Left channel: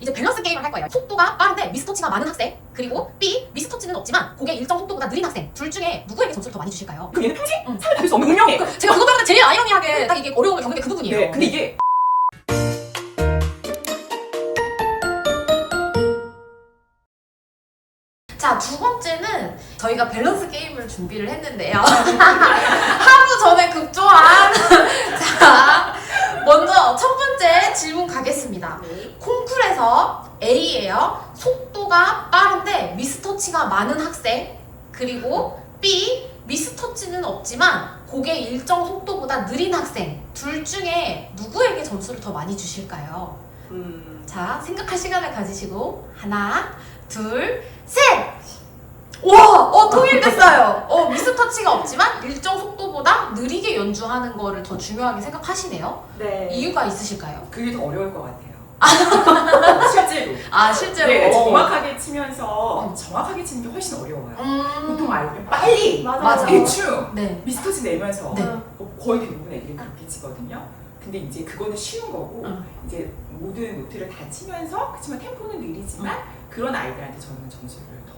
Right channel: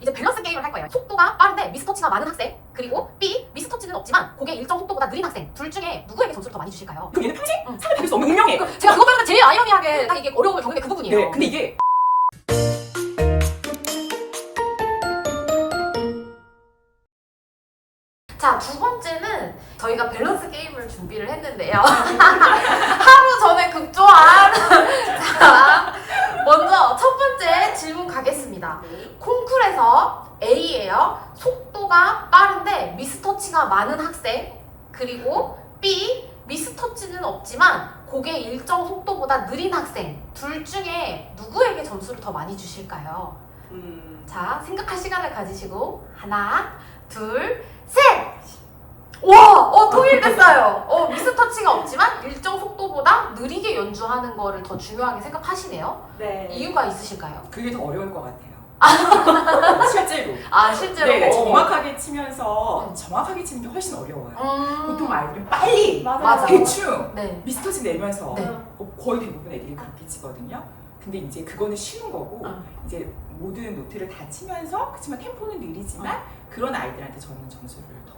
이제 밸런스 게임을 할 거예요. 속도가 빠른데 미스터치가 많은 학생, 그리고 B, 미스터치는 없지만 곡의 일정 속도보다 느린 학생. 둘 중에 누구에게 점수를 더 많이 주실까요? 그럼 얘는 평생 상을 받을 수 없는 운명에. 제가 그것 때문에 제일 아이러니하게 딱 이게 어려움을 겪는 게 그 부분이에요. 네, 근데 이게 자, 두 번째는 저희가 밸런스 게임을 준비를 했는데요. 하루 전에 급조한. 자, 먼저 첫 번째 질문 가겠습니다. 콩쿨에서 A예요. 속도가 빠른데 미스터치가 많은 학생. 그리고 B, 미스터치는 없지만 곡의 일정 속도보다 느린 학생. 둘 중에 누구에게 점수를 더 많이 주실까요? 자, 생각할 시간을 가지시고 하나, 둘, 셋! 와! 통일됐어요. 미스터치가 없지만 일정 속도보다 느리게 연주하는 거를 더 중요하게 생각하시네요. 네. 이유가 있으실까요? 그게 더 어려울 것 같아요. 실제로. 아, 실제로? 네, 정확하게 치면서 정확하게 치는 게 훨씬 어려워요. 보통 알고는 빨리 맞아. 대충 네. 미스터치 내면서 네. 거의 대부분 애들이 그렇게 치거든요. 근데 이제 그거는 쉬운 거고 이제 모든 노트를 다 치면서 그렇지만 템포는 느리지만 그런 아이들한테 저는 점수를 더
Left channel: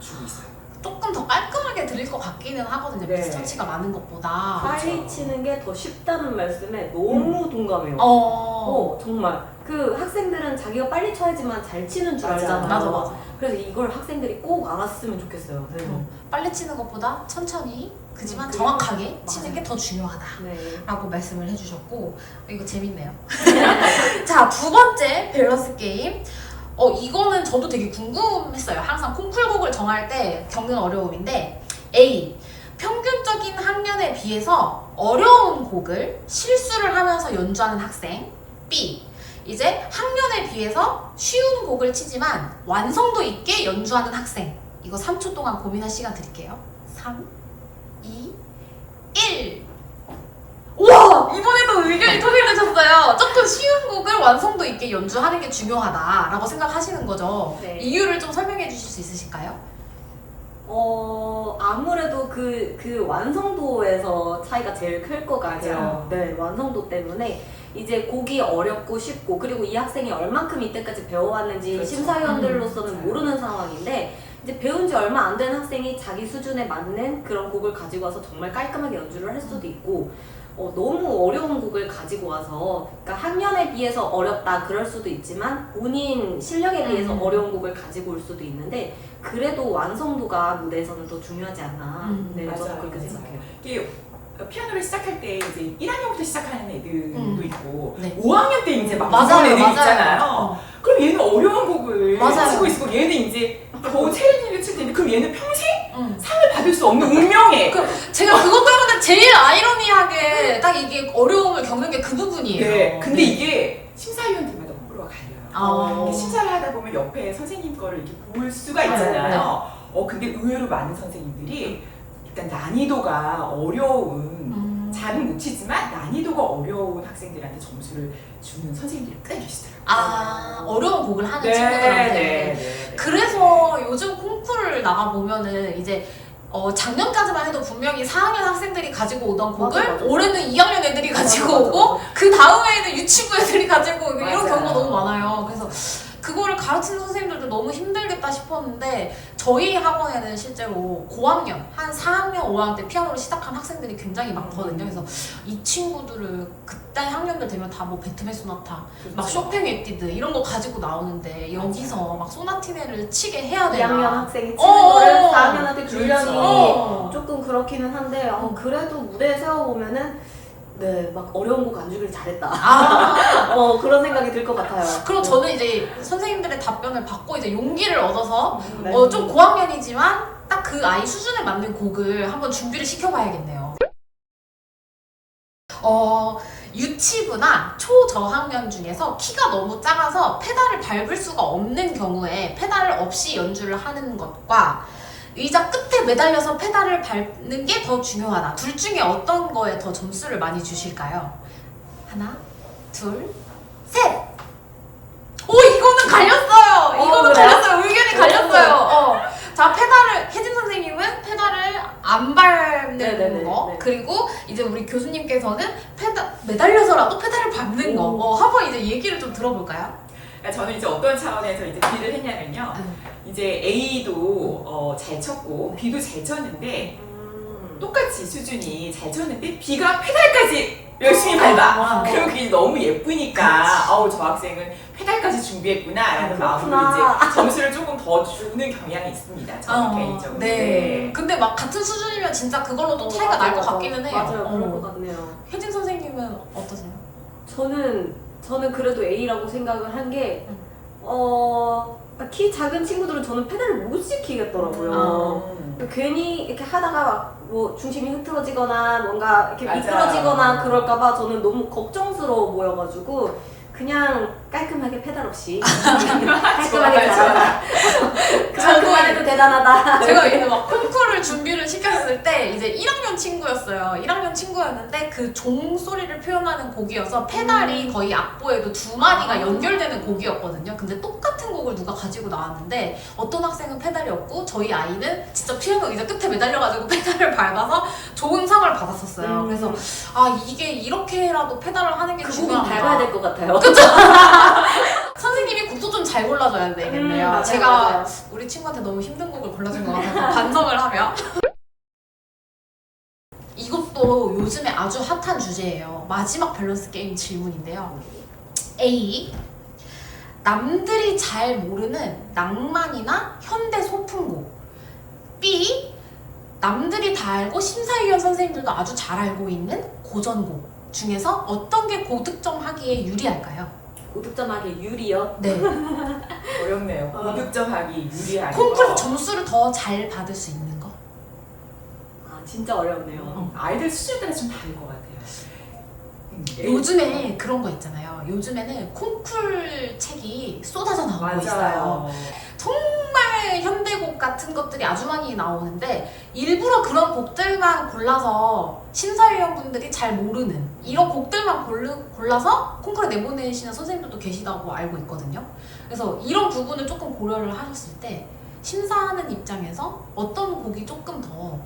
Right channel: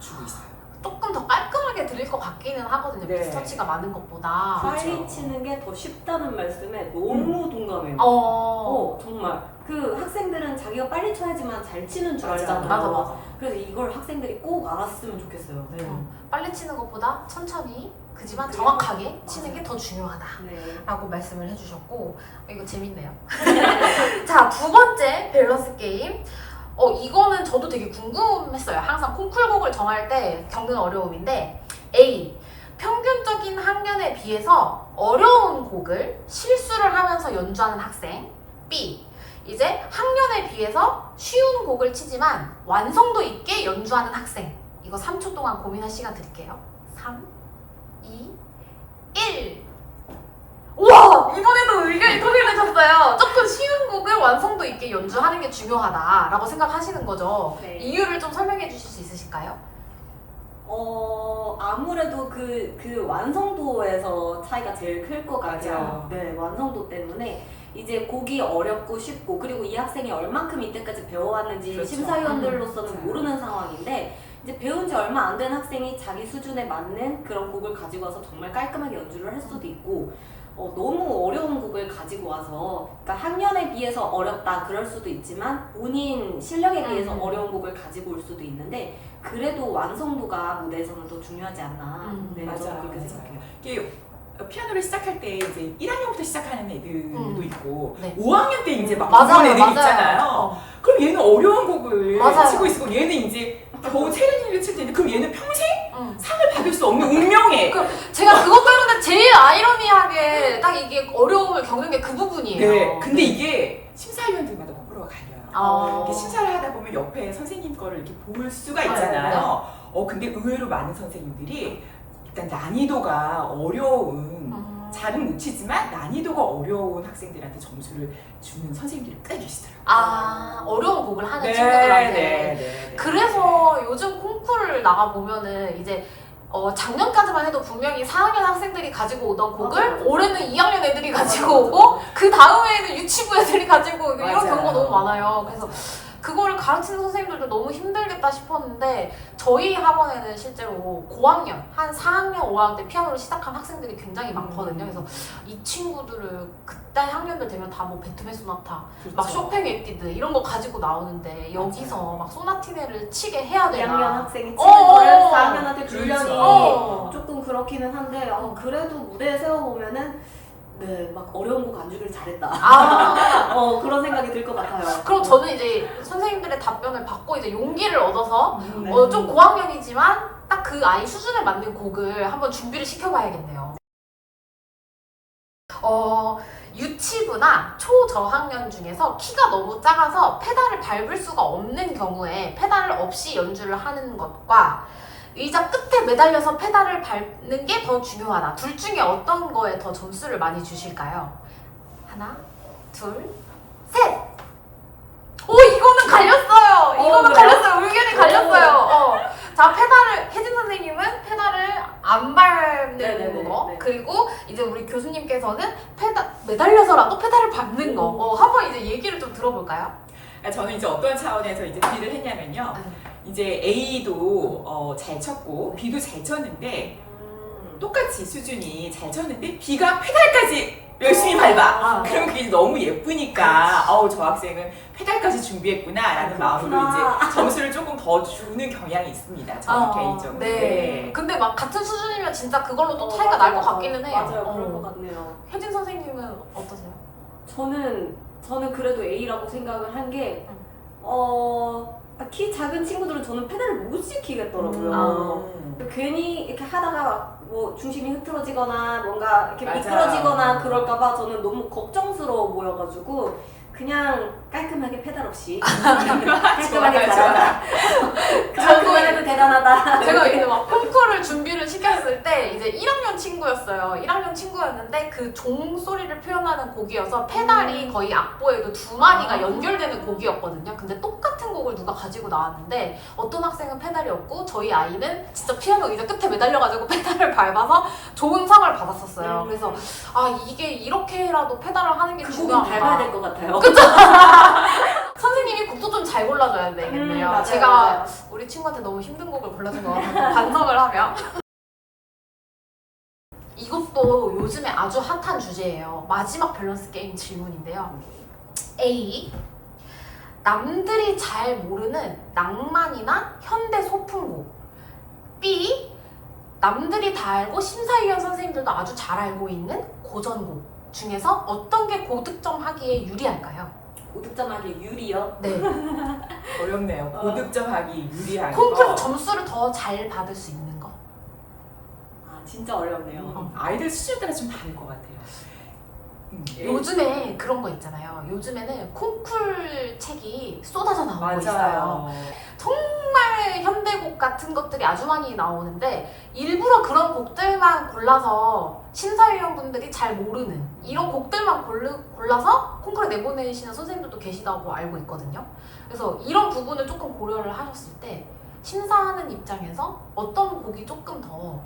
주고 있어요. 조금 더 깔끔하게 들릴 것 같기는 하거든요. 네. 미스터치가 많은 것보다. 빨리 그렇죠. 치는 게 더 쉽다는 말씀에 너무 동감해요. 정말 그 학생들은 자기가 빨리 쳐야지만 잘 치는 줄 맞아. 알잖아요. 맞아. 그래서 이걸 학생들이 꼭 알았으면 좋겠어요. 네. 빨리 치는 것보다 천천히, 그지만 그리고- 정확하게 치는 맞아요. 게 더 중요하다. 네. 라고 말씀을 해주셨고, 이거 재밌네요. 자, 두 번째 밸런스 게임. 이거는 저도 되게 궁금했어요. 항상 콩쿨곡을 정할 때 겪는 어려움인데, A, 평균적인 학년에 비해서 어려운 곡을 실수를 하면서 연주하는 학생. B, 이제 학년에 비해서 쉬운 곡을 치지만 완성도 있게 연주하는 학생. 이거 3초 동안 고민할 시간 드릴게요. 3, 2, 1. 우와! 이번에도 의견이 통일되셨어요. 조금 쉬운 곡을 완성도 있게 연주하는 게 중요하다라고 생각하시는 거죠. 네. 이유를 좀 설명해 주실 수 있으실까요? 아무래도 그 완성도에서 차이가 제일 클 것 같아요. 맞아요. 네, 완성도 때문에 이제 곡이 어렵고 쉽고 그리고 이 학생이 얼만큼 이때까지 배워왔는지 그렇죠. 심사위원들로서는 맞아요. 모르는 상황인데 이제 배운 지 얼마 안 된 학생이 자기 수준에 맞는 그런 곡을 가지고 와서 정말 깔끔하게 연주를 할 수도 있고 너무 어려운 곡을 가지고 와서 그러니까 학년에 비해서 어렵다 그럴 수도 있지만 본인 실력에 비해서 어려운 곡을 가지고 올 수도 있는데 그래도 완성도가 무대에서는 더 중요하지 않나. 네, 저는 맞아요. 그렇게 맞아요. 생각해요. 이게 피아노를 시작할 때 이제 1학년부터 시작하는 애들도 있고 네. 5학년 때 이제 막 맞아요, 배우는 애들이 맞아요. 있잖아요. 그럼 얘는 어려운 곡을 맞아요. 치고 있고 얘는 이제 겨우 체르니를 칠 텐데 그럼 얘는 평생 응. 상을 받을 수 없는 운명에 제가 그것 때문에 제일 아이러니하게 딱 이게 어려움을 겪는 게 그 부분이에요. 네. 근데 이게 심사위원들마다 호불호가 갈려요. 이게 심사를 하다 보면 옆에 선생님 거를 이렇게 볼 수가 있잖아요. 근데 의외로 많은 선생님들이 일단 난이도가 어려운 잘은 못 치지만 난이도가 어려운 학생들한테 점수를 주는 선생님들이 꽤 계시더라고요. 어려운 곡을 하는 친구들한테. 네. 그래서 요즘 콩쿠르를 나가보면은 이제 작년까지만 해도 분명히 4학년 학생들이 가지고 오던 곡을 맞아. 올해는 2학년 애들이 가지고 맞아. 오고 그 다음에는 유치부 애들이 가지고 오고 이런 맞아요. 경우가 너무 많아요. 그래서 그거를 가르치는 선생님들도 너무 힘들겠다 싶었는데 저희 학원에는 실제로 고학년, 한 4학년, 5학년 때 피아노를 시작한 학생들이 굉장히 많거든요. 그래서 이 친구들을 그때 학년들 되면 다 뭐 베토벤 소나타, 그렇죠. 막 쇼팽 에뛰드 이런 거 가지고 나오는데 여기서 막 소나티네를 치게 해야 2학년 되나? 학생이 치는 거를 4학년한테 그렇죠. 주려니 조금 그렇기는 한데 그래도 무대에 세워보면은 네, 막 어려운 곡 안 주길 잘했다. 그런 생각이 들 것 같아요. 그럼 저는 이제 선생님들의 답변을 받고 이제 용기를 얻어서 네. 좀 고학년이지만 딱 그 아이 수준에 맞는 곡을 한번 준비를 시켜봐야겠네요. 유치부나 초저학년 중에서 키가 너무 작아서 페달을 밟을 수가 없는 경우에 페달을 없이 연주를 하는 것과 의자 끝에 매달려서 페달을 밟는 게 더 중요하다. 둘 중에 어떤 거에 더 점수를 많이 주실까요? 하나, 둘, 셋! 이거는 갈렸어요! 이거는 그래요? 갈렸어요! 의견이 갈렸어요! 자, 혜진 선생님은 페달을 안 밟는 네네네. 거, 네. 그리고 이제 우리 교수님께서는 매달려서라도 페달을 밟는 거. 한번 이제 얘기를 좀 들어볼까요? 저는 이제 어떤 차원에서 이제 B를 했냐면요. 이제 A도 잘 쳤고 B도 잘 쳤는데 똑같이 수준이 잘 쳤는데 B가 페달까지 열심히 밟아. 그럼 그게 너무 예쁘니까 저 학생은 페달까지 준비했구나라는 마음으로 이제 점수를 조금 더 주는 경향이 있습니다. 저는 개인적으로. 네. 근데 막 같은 수준이면 진짜 그걸로 또 차이가 날 것 같기는 해요. 맞아요. 그럴 것 같네요. 혜진 선생님은 어떠세요? 저는 그래도 A라고 생각을 한 게 키 작은 친구들은 저는 페달을 못 시키겠더라고요. 괜히 이렇게 하다가 뭐 중심이 흐트러지거나 뭔가 이렇게 맞아요. 미끄러지거나 그럴까봐 저는 너무 걱정스러워 보여가지고 그냥 깔끔하게 페달 없이 깔끔하게 잘한다. 그만 해도 대단하다. 제가 이제 막 콩쿠르를 준비를 시켰을 때 이제 1학년 친구였어요. 1학년 친구였는데 그 종 소리를 표현하는 곡이어서 페달이 거의 악보에도 두 마디가 연결되는 곡이었거든요. 근데 똑같은 곡을 누가 가지고 나왔는데 어떤 학생은 페달이 없고 저희 아이는 진짜 피아노 의자 끝에 매달려가지고 페달을 밟아서 좋은 상을 받았었어요. 그래서 이게 이렇게라도 페달을 하는 게 그 곡은 중요한가. 밟아야 될 것 같아요. 선생님이 곡도 좀 잘 골라줘야 되겠네요. 맞아요, 제가 맞아요. 우리 친구한테 너무 힘든 곡을 골라준 것 같아서 반성을 하며 이것도 요즘에 아주 핫한 주제예요. 마지막 밸런스 게임 질문인데요. A. 남들이 잘 모르는 낭만이나 현대 소품곡. B. 남들이 다 알고 심사위원 선생님들도 아주 잘 알고 있는 고전곡 중에서 어떤 게 고득점 하기에 유리할까요? 고득점하기 유리요? 네. 어렵네요. 고득점하기 유리한 콩쿠르 거. 점수를 더 잘 받을 수 있는 거. 진짜 어렵네요. 아이들 수준에 따라 좀 다를 것 같아요. 요즘에 그런 거 있잖아요. 요즘에는 콩쿨 책이 쏟아져 나오고 있어요. 정말 현대곡 같은 것들이 아주 많이 나오는데 일부러 그런 곡들만 골라서 심사위원분들이 잘 모르는 이런 곡들만 골라서 콩쿠르 내보내시는 선생님들도 계시다고 알고 있거든요. 그래서 이런 부분을 조금 고려를 하셨을 때 심사하는 입장에서 어떤 곡이 조금 더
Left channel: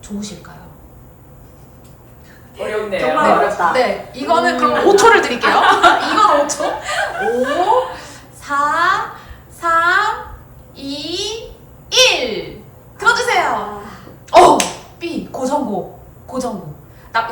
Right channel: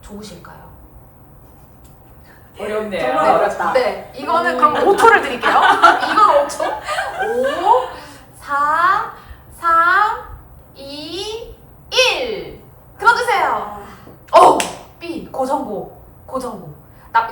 좋으실까요? 어렵네요. 정말 어렵다. 네, 이거는 그럼 5초를 드릴게요. 이건 5초. 5, 4, 3, 2, 1. 들어주세요. B. 고전곡.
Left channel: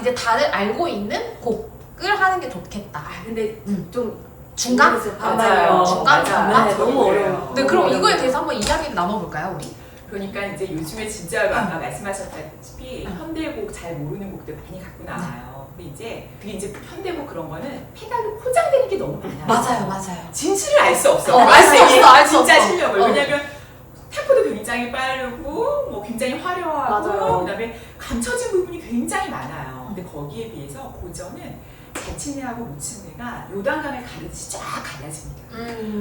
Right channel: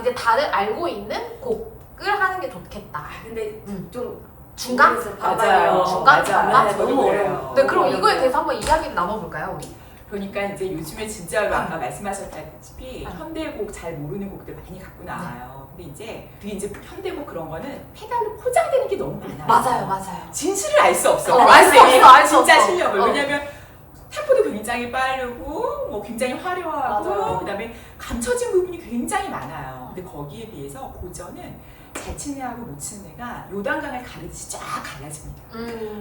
이제 다들 알고 있는 곡을 하는 게 좋겠다. 근데 좀 중간? 모르겠어요. 맞아요. 중간? 네, 저도 너무 그래요. 어려워. 네, 그럼 이거에 대해서 한번 이야기를 나눠볼까요, 우리? 그러니까 이제 요즘에 진짜 아까 말씀하셨다시피 현대곡 잘 모르는 곡들 많이 갖고 나와요. 근데 이제 그게 이제 현대곡 그런 거는 페달로 포장되는 게 너무 많아요. 맞아요. 진실을 알 수 없어. 알 수 없어, 알 수 진짜 없어. 실력을. 왜냐면 템포도 굉장히 빠르고 뭐 굉장히 화려하고 맞아요. 그다음에 감춰진 부분이 굉장히 많아요. 근데 거기에 비해서 고전은 잘 치는 애하고 못 치는 애가 요단강을 가르듯이 쫙 갈라집니다.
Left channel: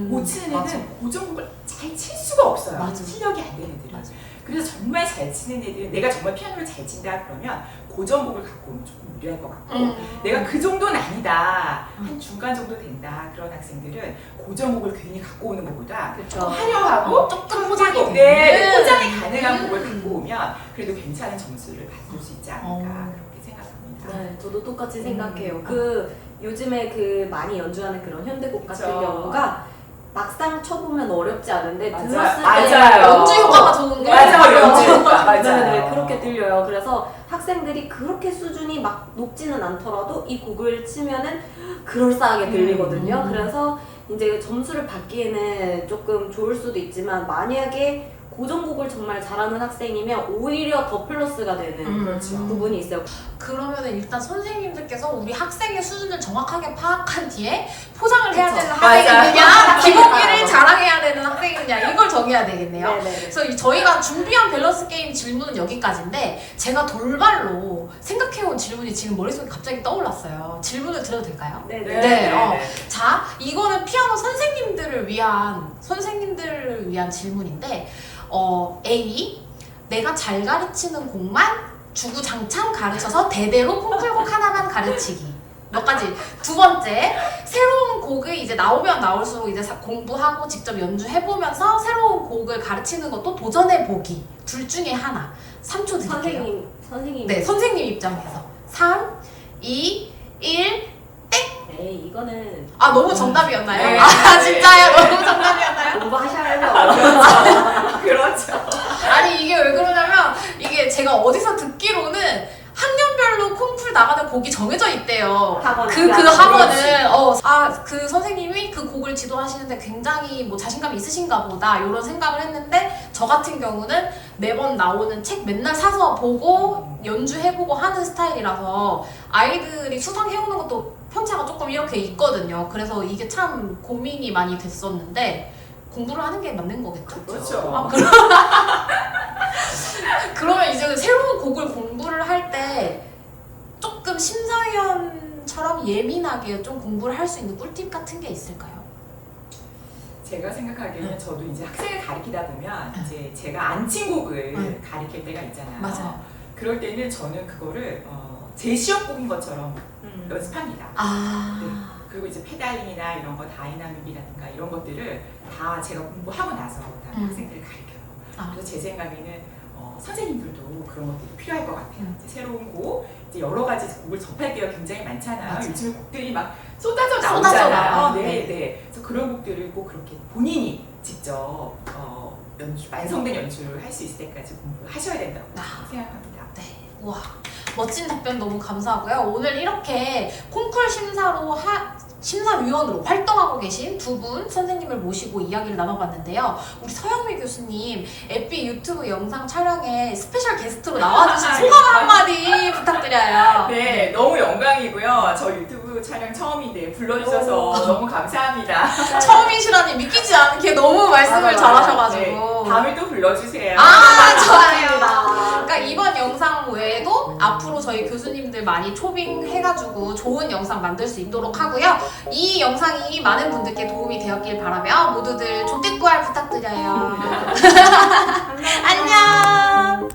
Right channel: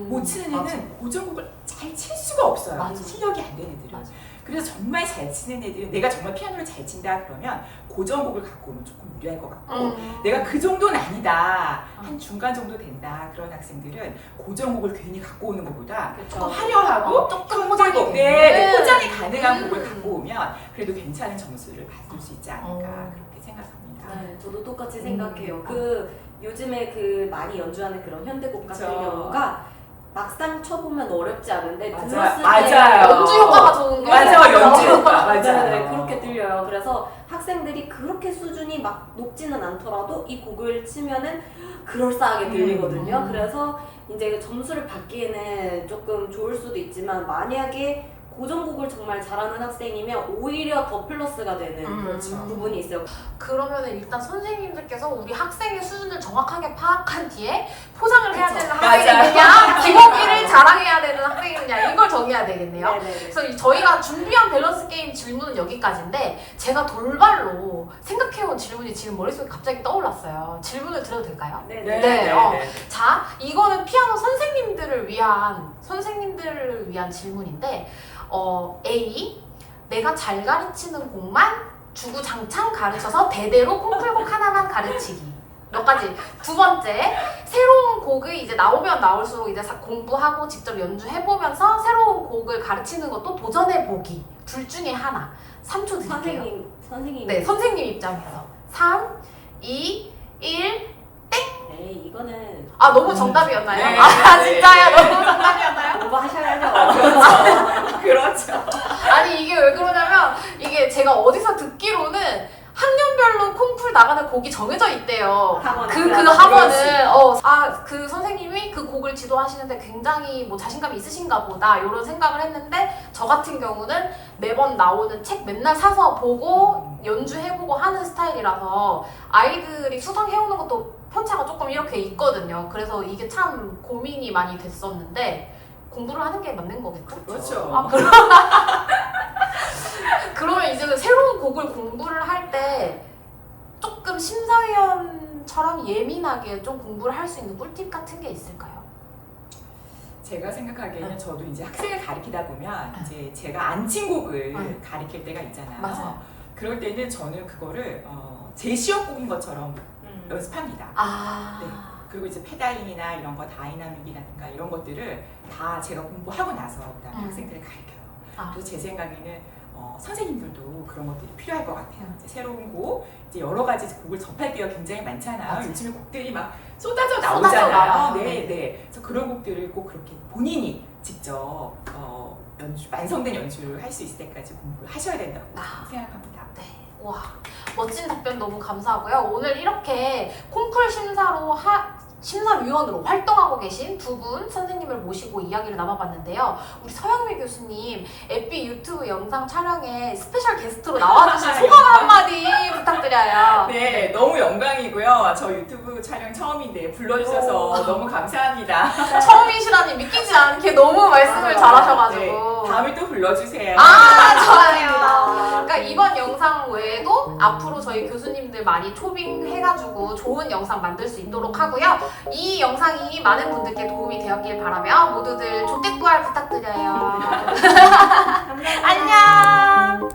못 치는 애는 맞아. 고전곡을 잘 칠 수가 없어요. 맞아. 실력이 안 되는 애들은. 맞아. 그래서 정말 잘 치는 애들은 내가 정말 피아노를 잘 친다 그러면 고전곡을 갖고 오면 조금 유리할 것 같고 내가 그 정도는 아니다. 한 중간 정도 된다. 그런 학생들은 고전곡을 괜히 갖고 오는 것보다 그쵸. 조금 화려하고 조금 포장이 현대곡, 되는. 포장이 가능한 곡을 갖고 오면 그래도 괜찮은 점수를 받을 수 있지 않을까 그렇게 생각합니다. 네, 저도 똑같이 생각해요. 그 요즘에 그 많이 연주하는 그런 현대곡 같은 그쵸. 경우가 막상 쳐보면 어렵지 않은데 맞아요. 들었을 때 맞아요. 연주 효과가 좋은 거 맞아요. 연주 효과. 맞아요. 네, 그렇게 들려요. 그래서 학생들이 그렇게 수준이 막 높지는 않더라도 이 곡을 치면은 그럴싸하게 들리거든요. 그래서 이제 점수를 받기에는 조금 좋을 수도 있지만 만약에 고전곡을 정말 잘하는 학생이면 오히려 더 플러스가 되는 그렇죠. 부분이 있어요. 그러면은 일단 선생님들께서 우리 학생의 수준을 정확하게 파악한 뒤에 포장을 해야 그쵸. 되는 맞아요. 학생이냐, 기본기를 자랑해야 되는 학생이냐 이걸 정해야 되겠네요. 네네. 그래서 저희가 준비한 밸런스 게임 질문은 여기까지인데 제가 돌발로 생각해온 질문이 지금 머릿속에 갑자기 떠올랐어요. 질문을 드려도 될까요? 네네. 네, 자, 이거는 피아노 선생님들을 위한 질문인데 A. 내가 잘 가르치는 곡만 주구장창 가르쳐서 대대로 콩쿨곡 하나만 가르치기. 몇 가지. 두 번째, 새로운 곡이 이제 나오면 나올수록 이제 공부하고 직접 연주해보면서 새로운 곡을 가르치는 것도 도전해보기. 둘 중에 하나. 3초 드릴게요. 선생님. 네, 선생님 입장에서. 3, 2, 1, 땡! 에이 이거는 아 너무 정답이었나요? 네. 아 네. 진짜요? 너무 정답이었나요? 공부하셔야죠. 그렇죠. 아니 이게 왜 그러냐면 이게 제가 어디서 듣기로는 학년별로 콩쿨 나가는 곡이 정해져 있대요. 학원. 그 그렇지. 학원은 그 선생님이 그 곡을 지도하시는데 굉장히 뭐 자신감이 있으신가 보다 이런 생각을 했는데 저 같은 경우는 매번 나오는 책 맨날 사서 보고 연주해보고 하는 스타일이라서 아이들이 수상해오는 것도 편차가 조금 이렇게 있거든요. 그래서 이게 참 고민이 많이 됐었는데 공부를 하는 게 맞는 거겠죠? 그렇죠. 아, 그러면 이제 새로운 곡을 공부를 할 때 조금 심사위원처럼 예민하게 좀 공부를 할 수 있는 꿀팁 같은 게 있을까요? 제가 생각하기에는 저도 이제 학생을 가르치다 보면 이제 제가 안 친 곡을 가르칠 때가 있잖아요. 맞아요. 그럴 때는 저는 그거를 제 시험곡인 것처럼 연습합니다. 아, 네. 그리고 이제 페달링이나 이런 거 다이나믹이라든가 이런 것들을 다 제가 공부하고 나서 그다음에 학생들을 가르쳐요. 아. 그래서 제 생각에는 선생님들도 그런 것들이 필요할 것 같아요. 이제 새로운 곡, 이제 여러 가지 곡을 접할 때가 굉장히 많잖아요. 맞아요. 요즘에 곡들이 막 쏟아져 쏟아져 나와요. 나오잖아요. 네, 네. 네. 그래서 그런 곡들을 꼭 그렇게 본인이 직접 완성된 연주를 할 수 있을 때까지 공부를 하셔야 된다고 생각합니다. 네. 와, 멋진 답변 너무 감사하고요. 오늘 이렇게 콩쿨 심사위원으로 활동하고 계신 두 분 선생님을 모시고 이야기를 나눠봤는데요. 우리 서영미 교수님, 에피 유튜브 영상 촬영에 스페셜 게스트로 나와주신 소감 한마디 부탁드려요. 네, 너무 영광이고요. 저 유튜브 촬영 처음인데 불러주셔서 너무 감사합니다. 처음이시라니 믿기지 않게 너무 말씀을 맞아요. 잘하셔가지고. 네, 다음에 또 불러주세요. 아, 좋아요. 그러니까 이번 영상 외에도 앞으로 저희 교수님들 많이 초빙해가지고 좋은 영상 만들 수 있도록 하고요. 이 영상이 많은 분들께 도움이 되었길 바라며 모두들 조댓부활 부탁드려요. 안녕.